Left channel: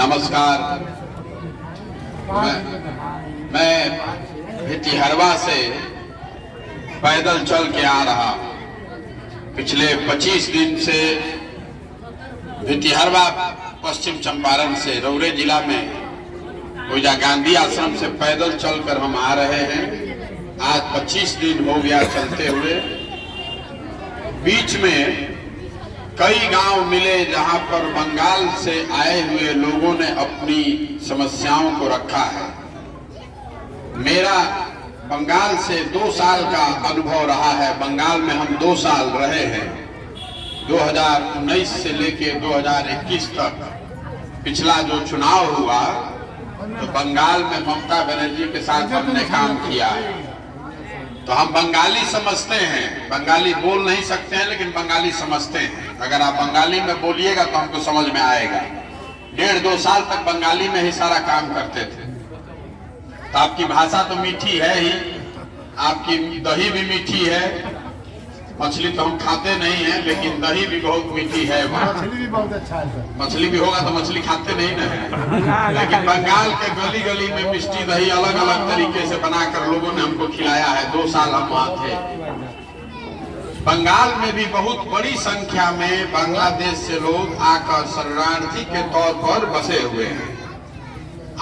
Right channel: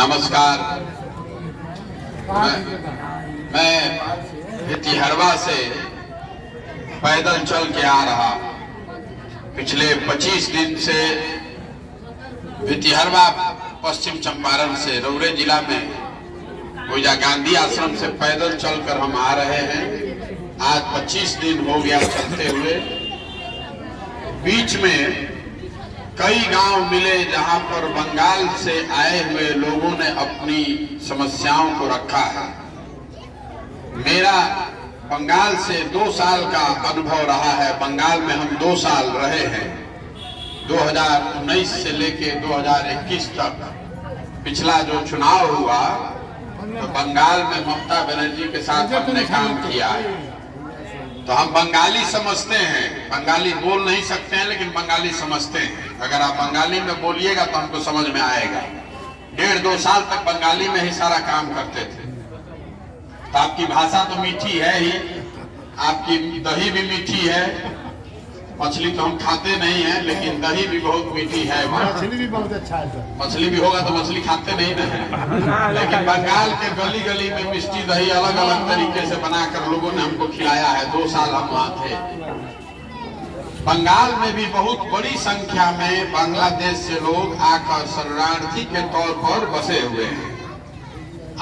नमस्कार। मैं भितिहरवा से पैदल चल के आ रहा। पिछले 25 दिन से भितिहरवा पश्चिम चंपारण से रौरे जिला में ओइजा गांधी आश्रम से पैदल चलकर हम आ रहे हैं। आज 25 दिन हो गया चलते हुए। बीच में कई गांव मिले जहां पर बंगाल से आए हुए लोगों ने अपनी समस्याओं को रखा है। मेरा बंगाल से 2 साल का अनुभव रहा है। बंगाल में हम 2 साल रहे हैं, 2019 से लेके 2021 तक। पिछला जो चुनाव हुआ तो बंगाल में ममता बनर्जी के साथ हमने काम किया है। तो हम बंगाली समझते हैं। बंगाली बोल नहीं सकते हैं लेकिन बंगाली समझते हैं। अगर आप बंगाली में बोलिएगा तो हमको समझ में आएगा। 1.5-2 साल तक बंगाली में ही सारा काम करते थे। तो आपकी भाषा तो मीठी है ही, आपकी दही भी मीठी है। मछली तो हम खाते नहीं हैं लेकिन दही भी बहुत मीठी है। मछली भी बहुत अच्छा है। मछली भी होगा तो मछली खाते नहीं ना, लेकिन बंगाल के गली गली में मिष्टी दही अलग अलग तरीके से बनाकर लोगों ने हमको खिलाया है। 2 साल हम वहाँ थे। बंगाल में भी बहुत बड़ी संख्या में बांग्लादेश से लोग आकर शरणार्थी के तौर पर बसे हुए हैं।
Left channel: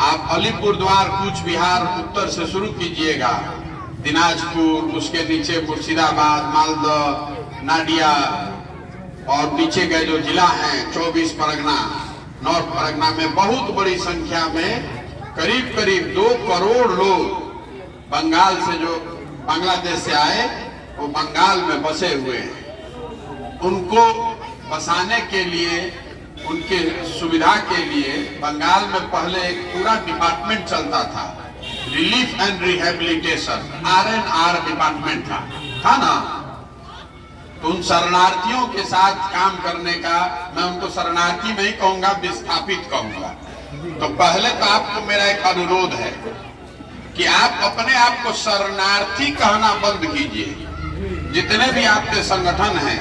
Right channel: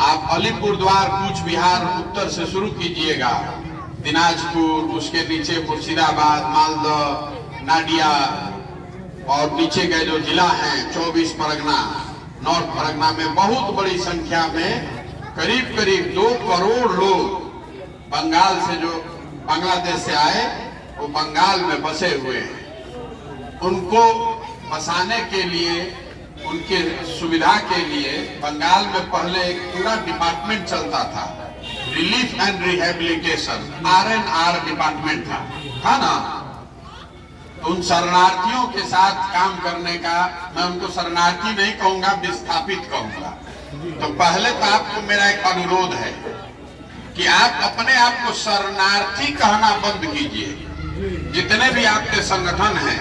आप अलीपुरद्वार, कूच बिहार उत्तर से शुरू कीजिएगा, दिनाजपुर, उसके नीचे मुर्शिदाबाद, मालदह, नाडिया और नीचे के जो जिला हैं 24 परगना, नॉर्थ परगना में बहुत बड़ी संख्या में करीब 2 करोड़ लोग बंगाल से जो बांग्लादेश से आए वो बंगाल में बसे हुए हैं। उनको बसाने के लिए, उनके सुविधा के लिए बंगाल में पहले एक पूरा डिपार्टमेंट चलता था, relief and rehabilitation, RNR department था ना। तो उन शरणार्थियों के साथ काम करने का, मैं उनको शरणार्थी नहीं कहूंगा, विस्थापित कहूंगा। तो पहले तो आपको मेरा एक अनुरोध है कि आप अपने आप को शरणार्थी कहना बंद कीजिए। जितने भी आपके संगठन हैं,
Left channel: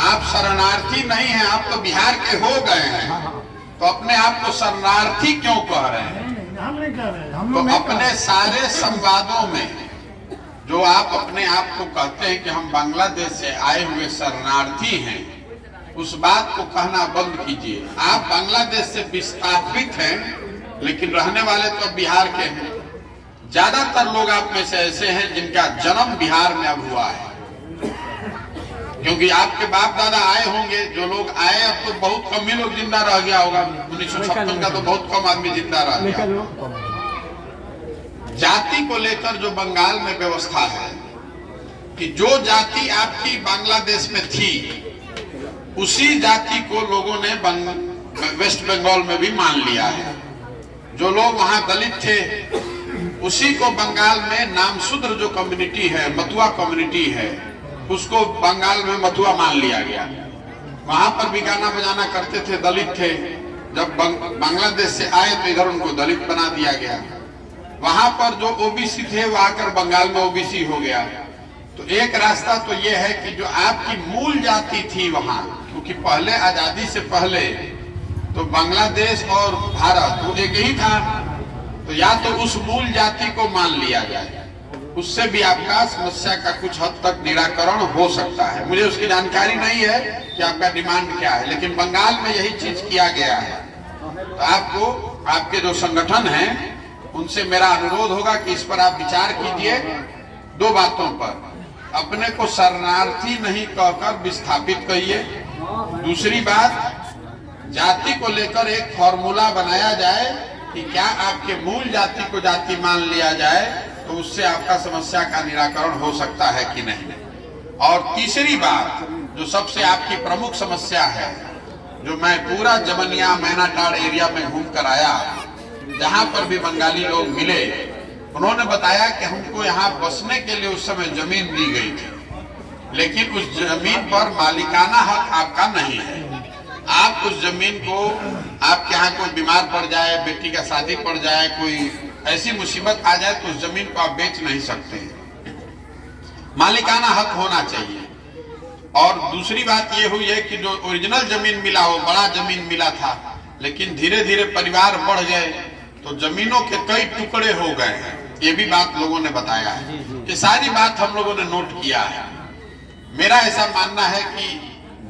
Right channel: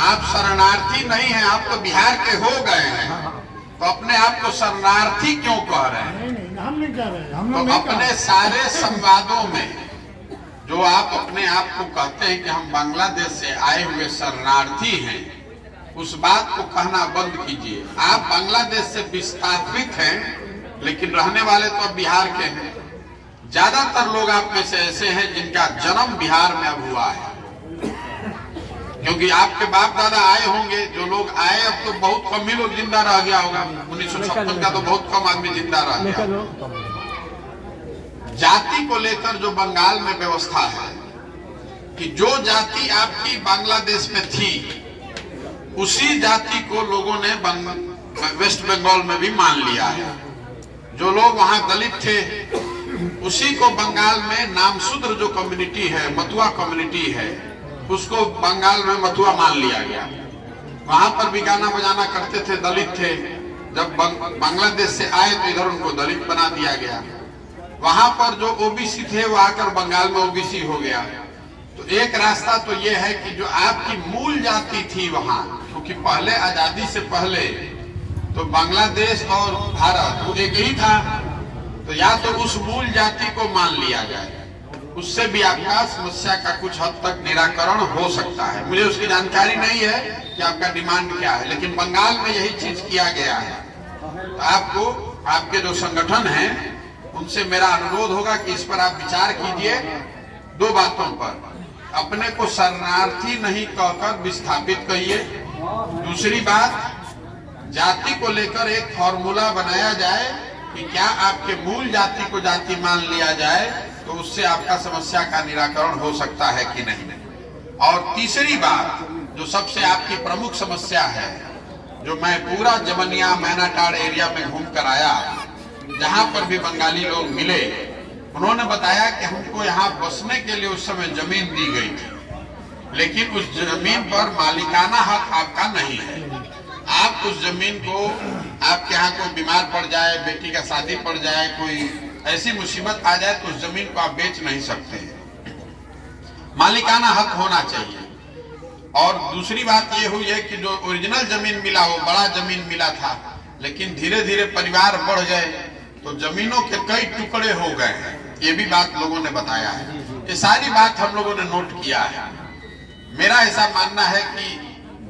आप शरणार्थी नहीं हैं, आप तो बिहार के हो गए हैं। तो अपने आप को शरणार्थी क्यों कह रहे हैं? हम नहीं कह रहे। तो अपने सारे संवादों में जो आप अपने आप को कहते हैं कि हम बांग्लादेश से आए हुए शरणार्थी हैं, उस बात को कहना बंद कीजिए। आप बांग्लादेश से विस्थापित हैं लेकिन रहने वाले तो बिहार के हैं। ज्यादातर लोग आप में से ऐसे हैं जिनका जन्म बिहार में अब हुआ है, क्योंकि आपके बाप दादा आए होंगे। जो लोग आए अब तो बहुत कम ही लोग जिंदा रह गया होगा। 1956 का तो बहुत कम आदमी जिंदा रह गया। जाति को लेकर जो बंगाल में व्यवस्था है कि जो जाति आपकी बांग्लादेश में थी उसी जाति को लोगों ने वेस्ट बंगाल में भी मान लिया है। जो लोग वहां दलित थे उसी को बंगाल में नामशूद्र जो कम्युनिटी है, मथुआ कम्युनिटी है, उसको बंगाल में मथुआ मान लिया गया। वहां पर भी गाना बजाना करते थे, दलित थे। जब बांग्लादेश से आए तो इधर उनको दलित बना दिया गया। वहां पर जो ओबीसी थे वो आकर बंगाल में ओबीसी हो गया। तो एक रास्ता तो ये है कि जो आपकी मूल जाति थी वहां, क्योंकि पहले आजादी से पहले तो बांग्लादेश और भारत वो एक ही था, तो या तो उस मूल जाति को मान लिया जाए, उससे भी आपका समस्या का कुछ हद तक निराकरण हो सकता है। मुझे उसकी जानकारी नहीं है कि आपका डिमांड क्या है, लेकिन बंगाल में यही चीज किया गया है। तो आपको, आपके जो संगठन हैं उनसे मेरा अनुरोध होगा कि इस पर आप विचार कीजिए। 2 बातों पर, अपने को शरणार्थी नहीं कहकर विस्थापित कहिए। दूसरी बात, जाति को लेकर एक फॉर्मूला बनाया जाए कि क्या आपके मूल जाति को जाति मान लिया जाए तो उससे आपका समस्या का निराकरण हो सकता है कि नहीं। और तीसरी बात जो सबसे आपकी प्रमुख समस्या है, जो मैं पूरा जमनिया मैनाटाड़ एरिया में घूम कर आया, जहां पर भी बंगाली लोग मिले, उन्होंने बताया कि हमको यहाँ बसने के लिए उस समय जमीन दी गई थी, लेकिन उस जमीन पर मालिकाना हक आपका नहीं है। आप उस जमीन को, आपके यहाँ कोई बीमार पड़ जाए, बेटी का शादी पड़ जाए, कोई ऐसी मुसीबत आ जाए तो उस जमीन को आप बेच नहीं सकते। मालिकाना हक होना चाहिए। और दूसरी बात ये हुई है कि जो ओरिजिनल जमीन मिला हो, बड़ा जमीन मिला था, लेकिन धीरे धीरे परिवार बढ़ गए तो जमीनों के कई टुकड़े हो गए हैं। ये भी बात लोगों ने बताया है। ये सारी बात हम लोगों ने नोट किया है। मेरा ऐसा मानना है कि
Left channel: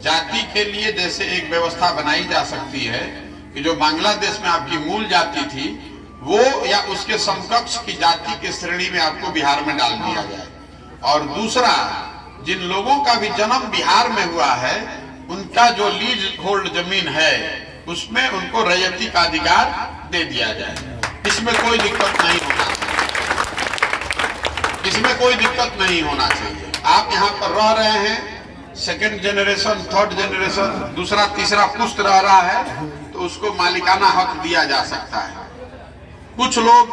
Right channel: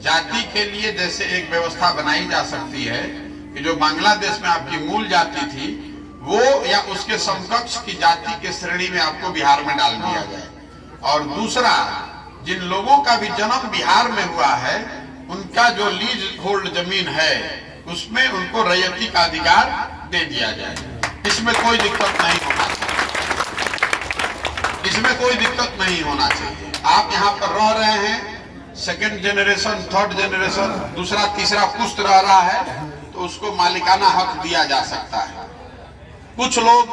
जाति के लिए जैसे एक व्यवस्था बनाई जा सकती है कि जो बांग्लादेश में आपकी मूल जाति थी वो या उसके समकक्ष की जाति के श्रेणी में आपको बिहार में डाल दिया जाए, और दूसरा जिन लोगों का भी जन्म बिहार में हुआ है उनका जो लीज होल्ड जमीन है उसमें उनको रैयती का अधिकार दे दिया जाए। इसमें कोई दिक्कत नहीं होना चाहिए, इसमें कोई दिक्कत नहीं होना चाहिए। आप यहाँ पर रह रहे हैं, सेकेंड जनरेशन, थर्ड जनरेशन, दूसरा तीसरा पुश्त रह रहा है तो उसको मालिकाना हक दिया जा सकता है। कुछ लोग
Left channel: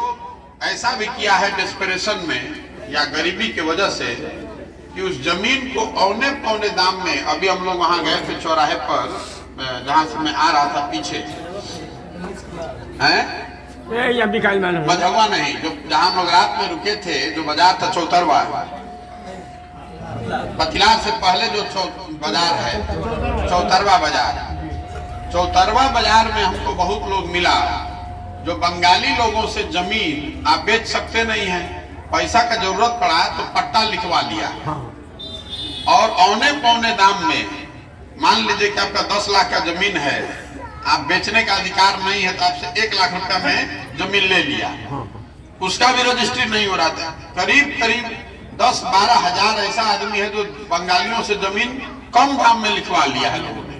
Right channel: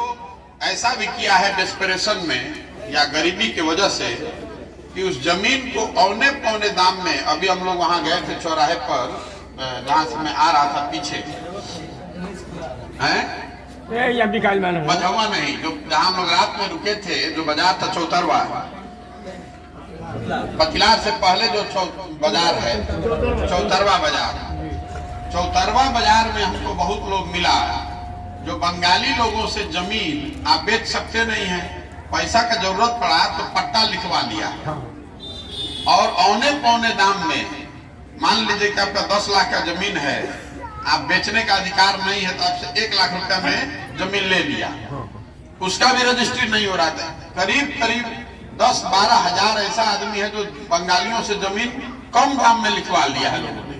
ऐसा भी किया है डेस्परेशन में या गरीबी की वजह से कि उस जमीन को औने पौने दाम में, अभी हम लोग वहां गए थे चौराहे पर जहां से मैं आ रहा था पीछे बझौआ नहीं, जो जहां हम लोग रात में रुके थे, जो बाजार था चौतरवा, पथिलार से पहले जो बाजार है चौतरवा बाजार, चौतरवा बाजार में हमको बहुत लोग मिला जो बंगाली लोगों से जमीन आप बेच सकते नहीं है, पैसा का जरूरत पड़ा तो पट्टा लिखवा लिया और औने पौने दाम में, मान लीजिए कि आपका 10 लाख का जमीन है, आप बेचने का अधिकार नहीं है तो आपसे 1 लाख रुपया में जमीन ले लिया, उसका भी रजिस्ट्री नहीं हो रहा था। करीब करीब 10-12 हजार ऐसा आदमी है जो बंगालियों से जमीन कम दाम में लिखवा लिया है। लोगों ने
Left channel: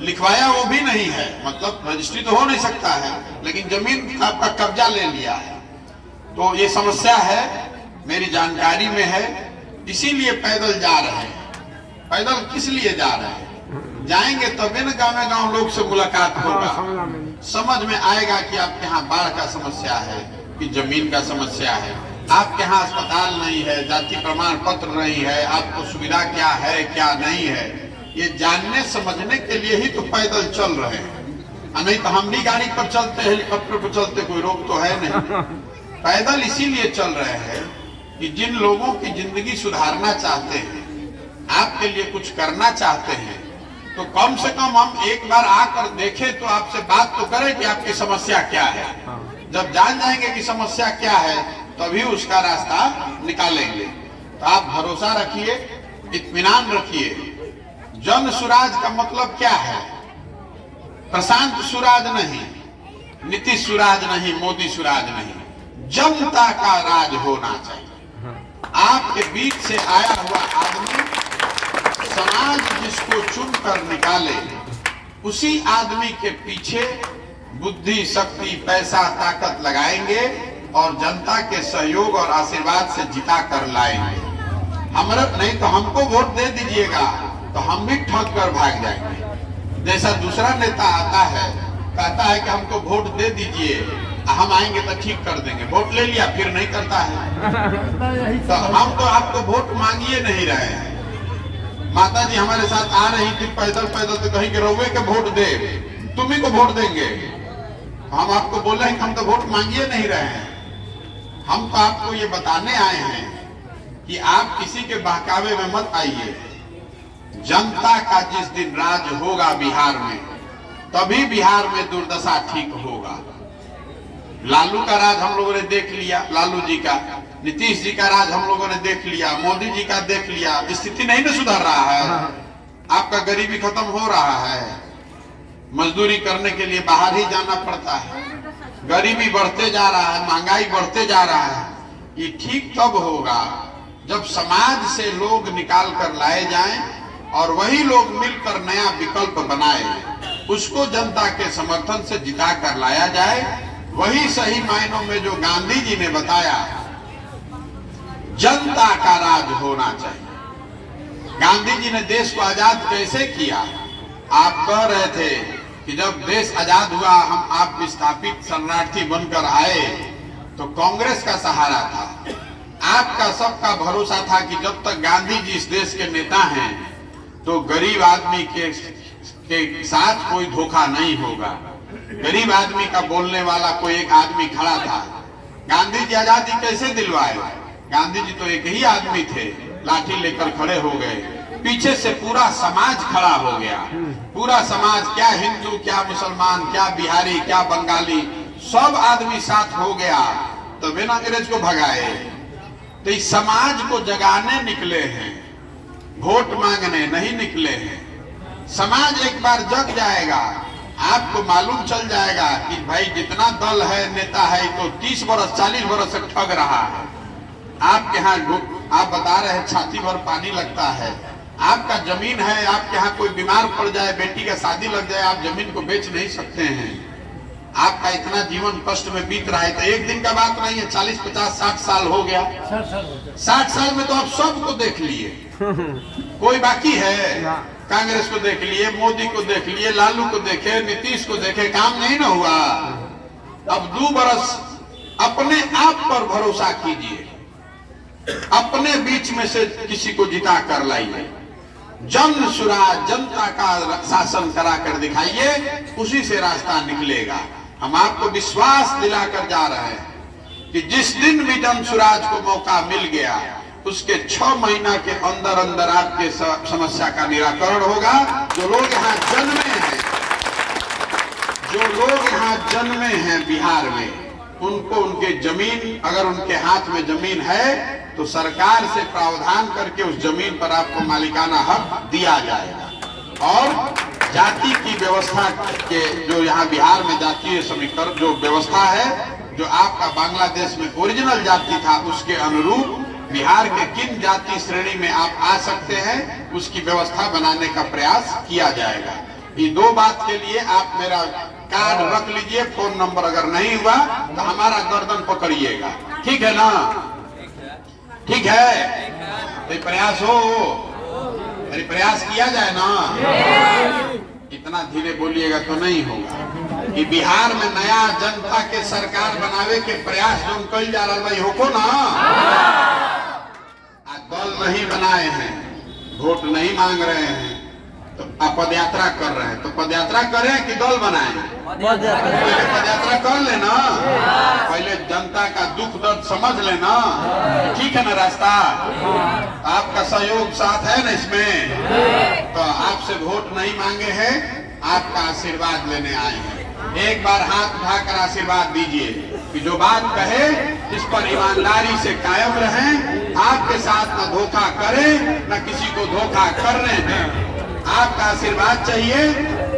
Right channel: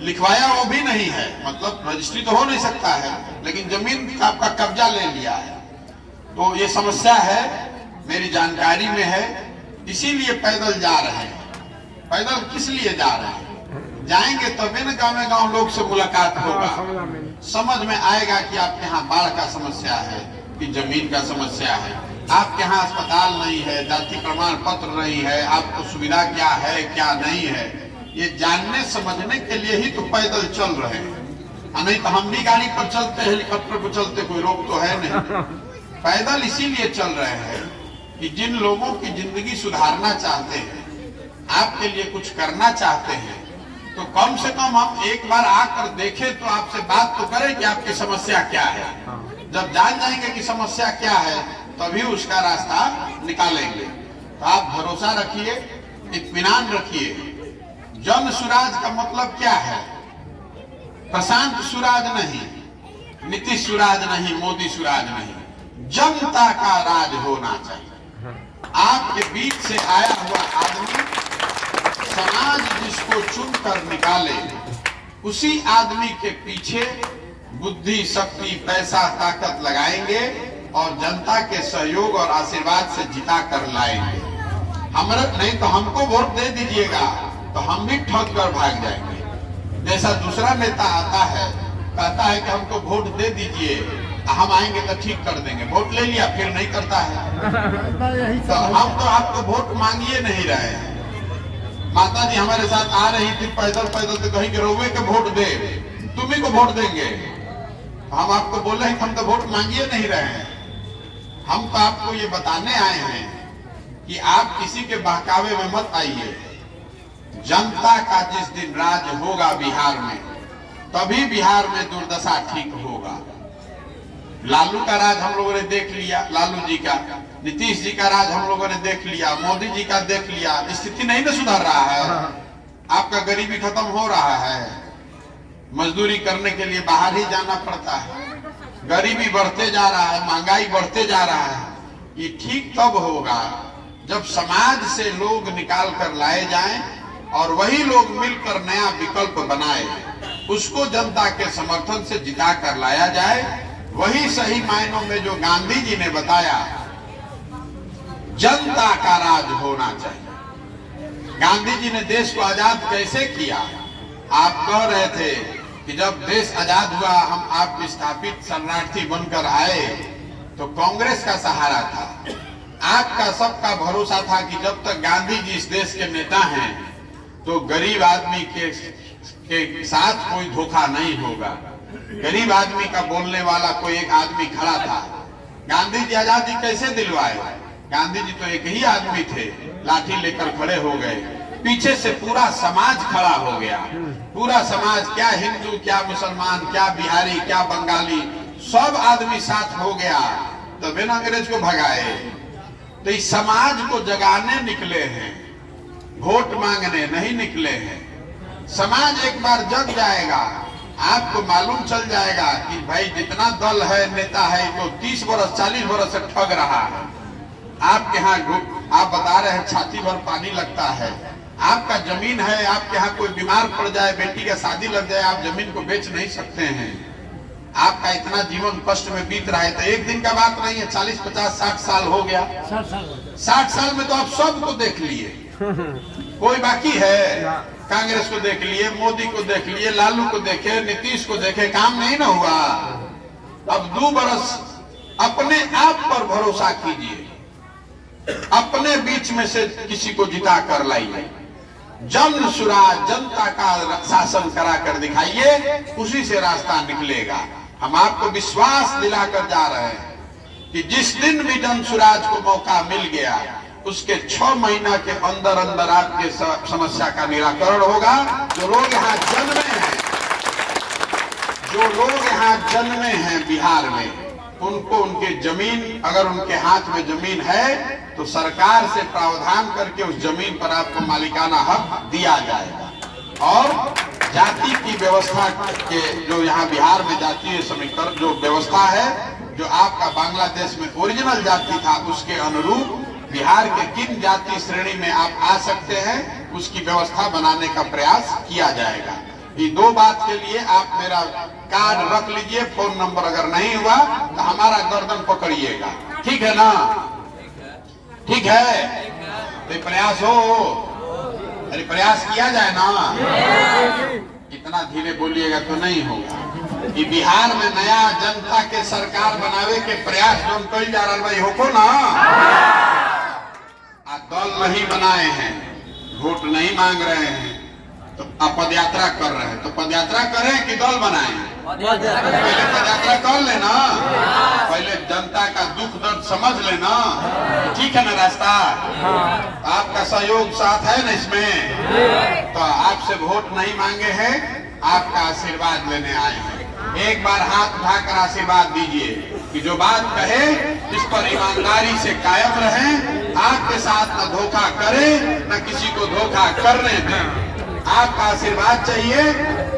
लिखवाया वो भी नहीं है, मतलब रजिस्ट्री तो हो नहीं सकता है लेकिन जमीन आपका कब्जा ले लिया है। तो ये समस्या है, मेरी जानकारी में है, इसीलिए पैदल जा रहे हैं। पैदल किस लिए जा रहे हैं? जाएंगे तभी न गाँव लोग से मुलाकात होगा, समझ में आएगा कि आपके यहाँ बाढ़ का समस्या है कि जमीन का समस्या है, आपके यहाँ अस्पताल नहीं है, जाति प्रमाण पत्र नहीं है, आपको सुविधा क्या है क्या नहीं है, ये जानने समझने के लिए ही तो पैदल चल रहे हैं। नहीं तो हम भी गाड़ी पर चलते, हेलीकॉप्टर पर चलते, कोई रोक तो है नहीं। पैदल इसीलिए चल रहे हैं कि जिन लोगों की जिंदगी सुधारना चाहते हैं, आपके लिए कुछ करना चाहते हैं, तो कम से कम हम एक बार आकर देखें तो आपसे बात तो करें कि आपकी समस्या क्या है। जब जान जाएंगे कि समस्या क्या है तभी उसका रास्ता निकालेंगे। तो आप भरोसा रखिए, इत्मीनान रखिए। जन सुराज का मतलब क्या है? प्रशांत सुराज नहीं, नीतीश सुराज नहीं, मोदी सुराज नहीं, जनता का राज होना चाहिए। आपके बीच से आया हुआ आदमी समाज जिसको चुनकर निकाले, उसी आदमी के पीछे बुद्धि, शक्ति, पैसा, ताकत लगाएंगे और जनता के सहयोग और आशीर्वाद से जिता कर लाएंगे। हमारा नहीं तो हमको वोट दे दीजिएगा तो हम भी ठग कर भाग जाएंगे। जैसा दूसरा नेता आता है, कहता है कि हमको वोट दे दीजिए, हम आएंगे तो ठीक कर देंगे, वोट ले लिया फिर नहीं करता है। तो हम तो आपको वोट मांगिए नहीं रहे हैं। माता जी हमारे साथ आ रही थी पैदल पैदल, तो कहीं के रउए के वोट दे, तुम्ही को वोट देंगे। हम आपको बोले हैं कि हम तो वोट मांगिए नहीं रहे हैं। हम तो आपको ये बताने आए हैं कि आप किसी के बहकावे में मत आइए। जनता का जिस दिन राज होगा बिहार में, तभी बिहार में दुर्दशा ठीक होगा। लालू का राज हम लोगों ने देख लिया, लालू जी का, नीतीश जी का राज हम लोगों ने देख लिया, मोदी जी का देख लिया, स्थिति नहीं ना सुधर रहा है। आपका गरीबी खत्म हो रहा है, मजदूरी करने के लिए बाहर ही जाना पड़ता है, गरीबी बढ़ते जा रहा है, महंगाई बढ़ते जा रहा है। ये ठीक तब होगा जब समाज से लोग निकाल कर लाए जाएं और वही लोग मिलकर नया विकल्प बनाए, उसको जनता के समर्थन से जिता कर लाया जाए। वही सही मायनों में जो गांधी जी ने बताया, जनता का राज होना चाहिए। गांधी जी ने देश को आजाद कैसे किया? आप कह रहे थे कि जब देश आजाद हुआ हम आप विस्थापित शरणार्थी बनकर आए तो कांग्रेस का सहारा था, आपका सबका भरोसा था कि जब तक गांधी जी इस देश के नेता हैं तो गरीब आदमी के साथ कोई धोखा नहीं होगा। गरीब आदमी का बोलने वाला कोई एक आदमी खड़ा था। गांधी जी आजादी कैसे दिलवाए? गांधी जी तो एक ही आदमी थे, लाठी लेकर खड़े हो गए, पीछे से पूरा समाज खड़ा हो गया। पूरा समाज, क्या हिंदू, क्या मुसलमान, क्या बिहारी, क्या बंगाली, सब आदमी साथ हो गया, तो बिना अंग्रेज को भगाए। तो इस समाज को जगाने निकले हैं, वोट मांगने नहीं निकले हैं। समाज एक बार जग जाएगा, आपको मालूम चल जाएगा कि भाई जितना दल है, नेता है, तो 30 बरस 40 बरस से ठग रहा है। आपके यहाँ आप बता रहे हैं छाती भर पानी लगता है, आपका जमीन है, आपके यहाँ कोई बीमार पड़ जाए, बेटी का शादी लग जाए, आप जमीन को बेच नहीं सकते हैं। आपका इतना जीवन कष्ट में बीत रहा है, तो एक दिन का बात नहीं है, 40 50 60 साल हो गया। 60 साल में तो आप सबको देख लिए, कोई बाकी है? कांग्रेस को देख लिए, मोदी को देख लिए, लालू को देखे, नीतीश को देखे, काम नहीं ना हुआ। अब 2 बरस अपने आप पर भरोसा कीजिए, अपने बीच में से किसी को जिता कर लाइए, जन सुराज, जनता का शासन करा कर दिखाइए, उसी से रास्ता निकलेगा। हम आपको विश्वास दिलाकर जा रहे हैं कि जिस दिन भी जन सुराज को मौका मिल गया, उसके 6 महीना के अंदर अंदर आपके समस्या का निराकरण होगा। जो लोग यहाँ जन्मे हैं, जो लोग यहाँ जन्मे हैं बिहार में, उनको उनके जमीन, अगर उनके हाथ में जमीन है तो सरकार से प्रावधान करके उस जमीन पर आपको मालिकाना हक दिया जाएगा। और जाति की व्यवस्था के, जो यहाँ बिहार में जातीय समीकरण जो व्यवस्था है, जो आपका बांग्लादेश में ओरिजिनल जाति था, उसके अनुरूप बिहार के किन जाति श्रेणी में आप आ सकते हैं, उसकी व्यवस्था बनाने का प्रयास किया जाएगा। ये 2 बात के लिए आप मेरा कार्ड रख लीजिए, फोन नंबर अगर नहीं हुआ तो हमारा गर्दन पकड़िएगा, ठीक है ना? ठीक है, तो प्रयास हो, अरे प्रयास किया जाए ना। इतना धीरे बोलिएगा तो नहीं होगा। कि बिहार में नया जनता के सरकार बनावे के प्रयास जो हम कल जा रहा हो को ना, दल नहीं बनाए हैं, वोट नहीं मांग रहे हैं, तो आप पदयात्रा कर रहे हैं, तो पदयात्रा करें कि दल बनाएं? पहले पदयात्रा कर लेना, पहले जनता का दुख दर्द समझ लेना, ठीक है ना? रास्ता आपका सहयोग साथ है ना इसमें, तो आपसे वोट नहीं मांगे हैं, आपका आशीर्वाद लेने आए हैं। एक बार हाथ उठाकर आशीर्वाद दीजिए कि जो बात कहे इस पर ईमानदारी से कायम रहें, आपके साथ न धोखा करें न किसी को धोखा करने दें। आपका आशीर्वाद चाहिए।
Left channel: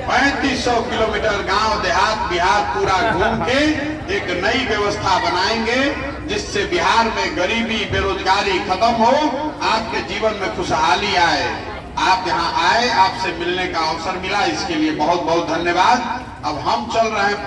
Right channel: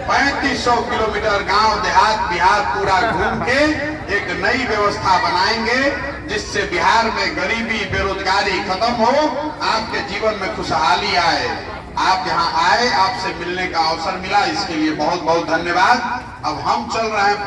3500 किलोमीटर गांव देहात बिहार पूरा घूम के एक नई व्यवस्था बनाएंगे, जिससे बिहार में गरीबी बेरोजगारी खत्म हो, आपके जीवन में खुशहाली आए। आप यहाँ आए, आपसे मिलने का अवसर मिला, इसके लिए बहुत बहुत धन्यवाद। अब हम चल रहे हैं